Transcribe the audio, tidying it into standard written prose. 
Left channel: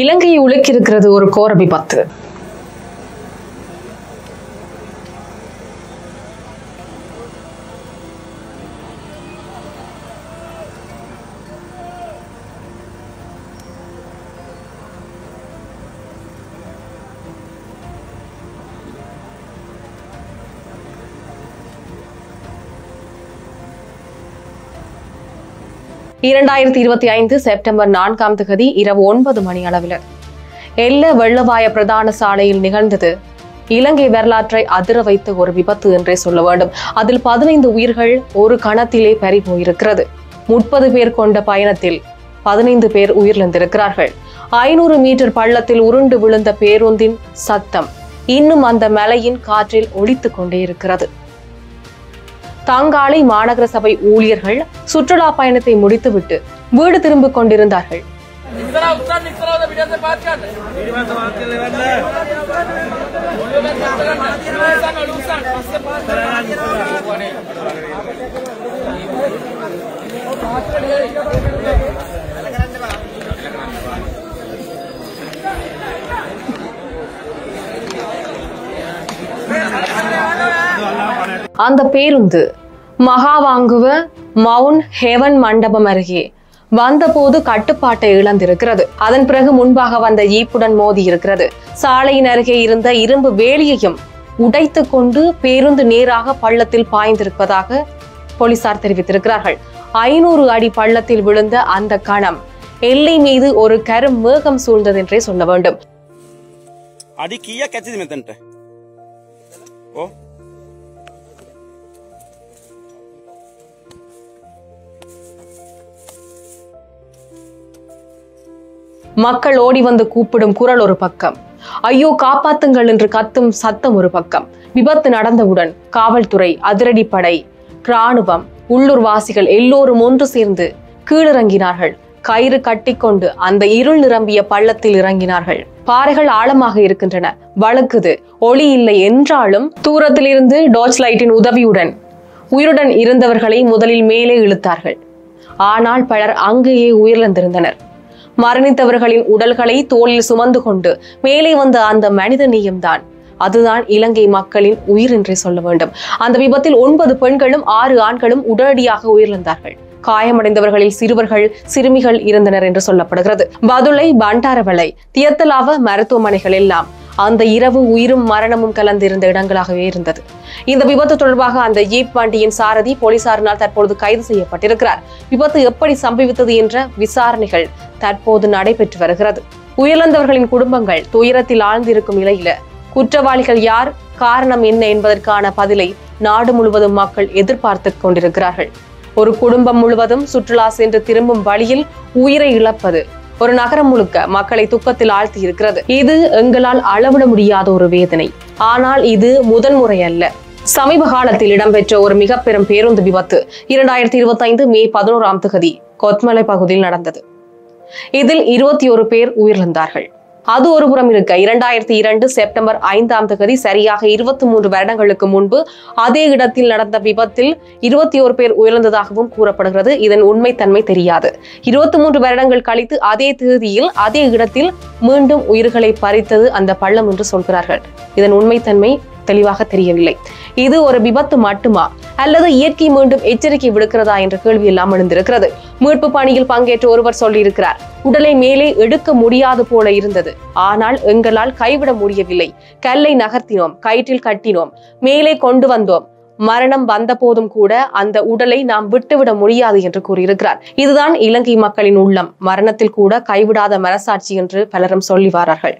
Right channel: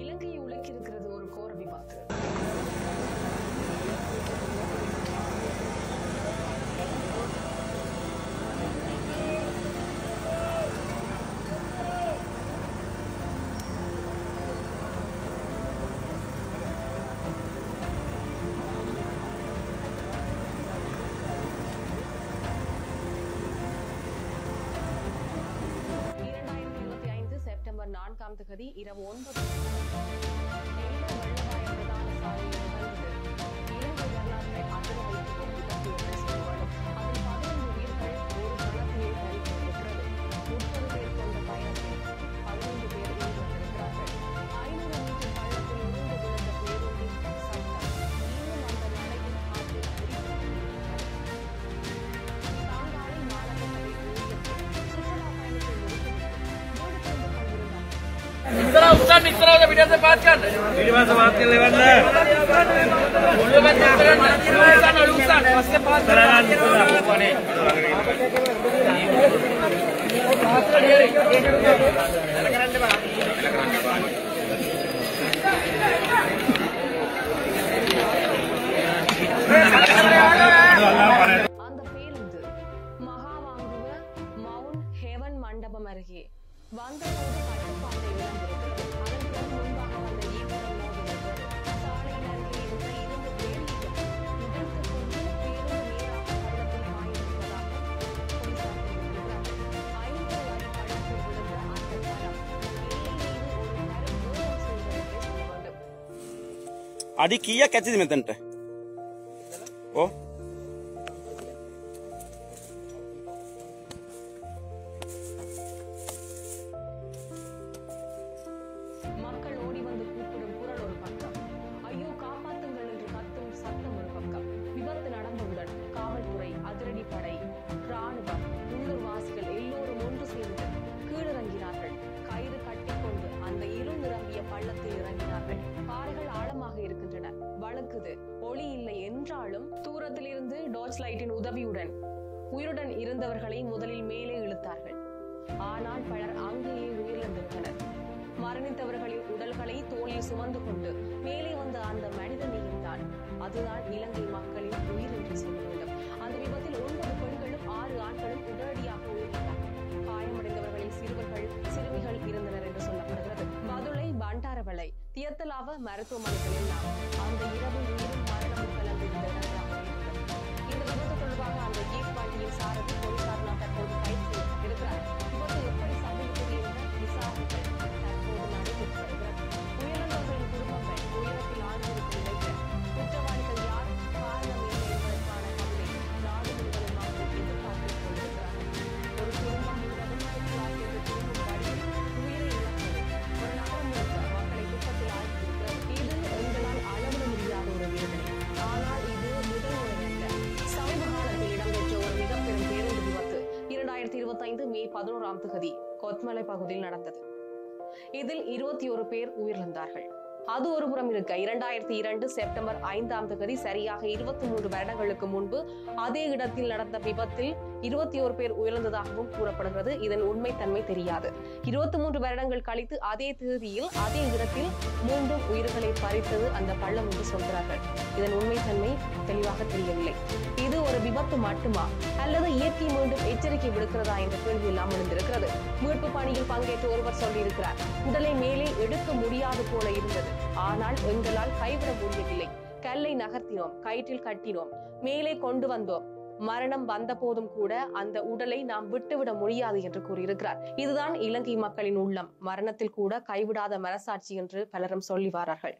இலங்கையை உலுக்கியிருக்கிறது ஒரு கோர விபத்து. செப்டம்பர் 4 இரவு 9 மணி அளவில் எல்ல வெள்ளவாய பிரதான சாலையில் நிகழ்ந்தது இலங்கை வரலாற்றை அதிர வைத்த ஒரு விபத்து என்றே சொல்ல வேண்டும். அதில் 15 உயிர்கள் ஒரு கணத்திலே பறி போயிருக்கிறது. 30 பேர் கொண்ட பயணத்தில் 15 பேர் உயிரிழந்திருக்கிறார்கள். 500 மீட்டர் பள்ளத்தில் உருண்டு விழுந்த பேருந்தின் சத்தம் இன்னும் அந்த மலையின் காற்றில் ஒலித்துக் கொண்டே இருக்கிறது. தங்காலை மாநகர சபை ஊழியர்கள் சுற்றுலா பயணத்தை முடித்துவிட்டு வீடு திரும்பிக் கொண்டிருந்தார்கள். அந்த பேருந்து மகாவாங்குவ மவுண்ட் ஹெவன் மண்டபம் அருகே வந்தபோது கட்டுப்பாட்டை இழந்திருக்கிறது. அதன் பிறகு முன்பாக வந்த ஜீப்புடன் மோதி இருக்கிறது. சாலையின் அருகே இருந்த இரும்பு வேலியையும் உடைத்துக் கொண்டு பேருந்து நேராக பள்ளத்தில் பாய்ந்திருப்பதாக போலீசார் தெரிவித்திருக்கிறார்கள். 500 அடி பள்ளத்தில் விழுந்த அந்த கணம் எல்லை மீது ஒரு கரும் மேகம் சூழ்ந்தது என்றே சொல்ல வேண்டும். மக்கள் ஓடி வந்து கூப்பிடும் குரல் ஒரு பக்கம், ஐயோ காப்பாத்துங்கள் என்று கத்தும் சத்தம் ஒரு பக்கம். விபத்து நடந்தவுடன் காவல்துறை, அதிரடிப்படை, இராணுவம், உள்ளூர் வாசிகள் எல்லோரும் ஒன்று சேர்ந்து கீழிறங்கினார்கள். கயிறு கட்டிக்கொண்டு அந்த இருள் நிரம்பிய பள்ளத்தில் இறங்கினார்கள். பாறைகள் ஆழமாக இருக்கின்றன, வழுக்குது, ஒளி இல்லை என்றாலும் தூரத்தில் இருந்து டார்ச் லைட்டின் உதவியுடன் உயிருடன் இருந்தவர்களை முதலில் மேலே இழுத்தார்கள். ஆனால் பலர் அங்கேயே உயிரிழந்திருந்தனர். மரணித்தவர்களின் உடல்களை தோளில் சுமந்து கொண்டு மேலே வந்த அந்த மனித நேயம்தான், அதுதான் இலங்கை மக்களின் உயிர் என்றே சொல்ல வேண்டும். அந்த விபத்தில் 9 பெண்களும் 6 ஆண்களும் உடனடியாக உயிரிழந்தார்கள். காயமடைந்தவர்களில் சிறுவர்கள், சிறுமிகள் இருந்தனர் என்று சொல்லப்படுகிறது. பதுளை, பண்டாரவளை, தியத்தலாவ மருத்துவமனைகள் எல்லாம் அந்த இரவு உயிரும் மரணமும் கலந்திருந்த இடங்களாகவே இருந்தது. இந்த விபத்து தொடர்பாக அந்த ஜீப் வண்டியின் சாரதி போலீசாரினால் தற்போது கைது செய்யப்பட்டிருக்கிறார். விபத்து எப்படி சம்பவித்தது என்ற விசாரணைகள் தற்போது நடைபெற்று வருகிறது. உயிரிழந்தவர்களின் குடும்பங்கள் துயரத்தில் ஆழ்ந்திருக்கும் நிலையில குற்றவாளிகள் யார், காரணம் என்ன என்பதற்கான பதிலை நாடு முழுவதும் மக்கள் எதிர்பார்த்து கொண்டிருக்கிறார்கள். ஒரு குடும்பம் முழுவதும் சுற்றுலா சென்று திரும்பும் வழியில் உயிரை இழப்பது ஒரு நகரம் முழுக்க மக்களை துக்கத்தில் ஆழ்த்தி இருக்கிறது. இது எங்களால் அளவிட முடியாத ஒரு வேதனை. ஆனால் இது முதன்முறை அல்ல. சமீப காலத்தில் இடம்பெற்ற ஒரு மிக பெரும் பேருந்து விபத்து 2025 மே 11 கொத்மலை பகுதியில் நடந்தது. இதில் 21 பேர் உயிரிழந்தார்கள். அது ஒருபுறம் இருக்க 2002 செப்டம்பர் 5 சரியாக 23 வருடங்களுக்கு முன்பு அதே இடத்தில் நடந்த விபத்தில் 21 பேர் உயிரிழந்ததாகவும் கூறப்படுகிறது. இதன் உண்மைத்தன்மை தெரியாது. 23 வருடங்கள் கழித்து அதே தேதியில் அதே இடத்தில் மீண்டும் உயிர்களை பறித்தது அந்த பள்ளம் என்று சொல்கிறார்கள். இதன் உண்மைத்தன்மை தெளிவாக தெரியவில்லை. இது ஒரு விபத்து மட்டுமா அல்லது இயற்கை மீண்டும் எச்சரிக்கை விடுக்கிறதா என்ற கேள்வி எல்லாம் எழுந்திருக்கிறது. மீட்பு பணியில் பங்கேற்ற ஒருவர் சொல்லியிருக்கிறார், உடலை மேலே எடுக்க முடியாது போல இருந்தது, ஆனால் எங்களால் கைவிட முடியவில்லை. கல்லை நகர்த்தினோம், கயிற்றில் கட்டினோம், மேலே கொண்டு வந்தோம். மரணம் வந்த போதும் கூட அந்த உடலை நாம் விட்டுவிட முடியாது என்று கூறியிருக்கிறார். இதுதான் இலங்கை மக்களின் உள்ளம். மரணத்தில் கூட கைவிடாத மனசாட்சி என்று பலரும் சொல்லி வாரார்கள்.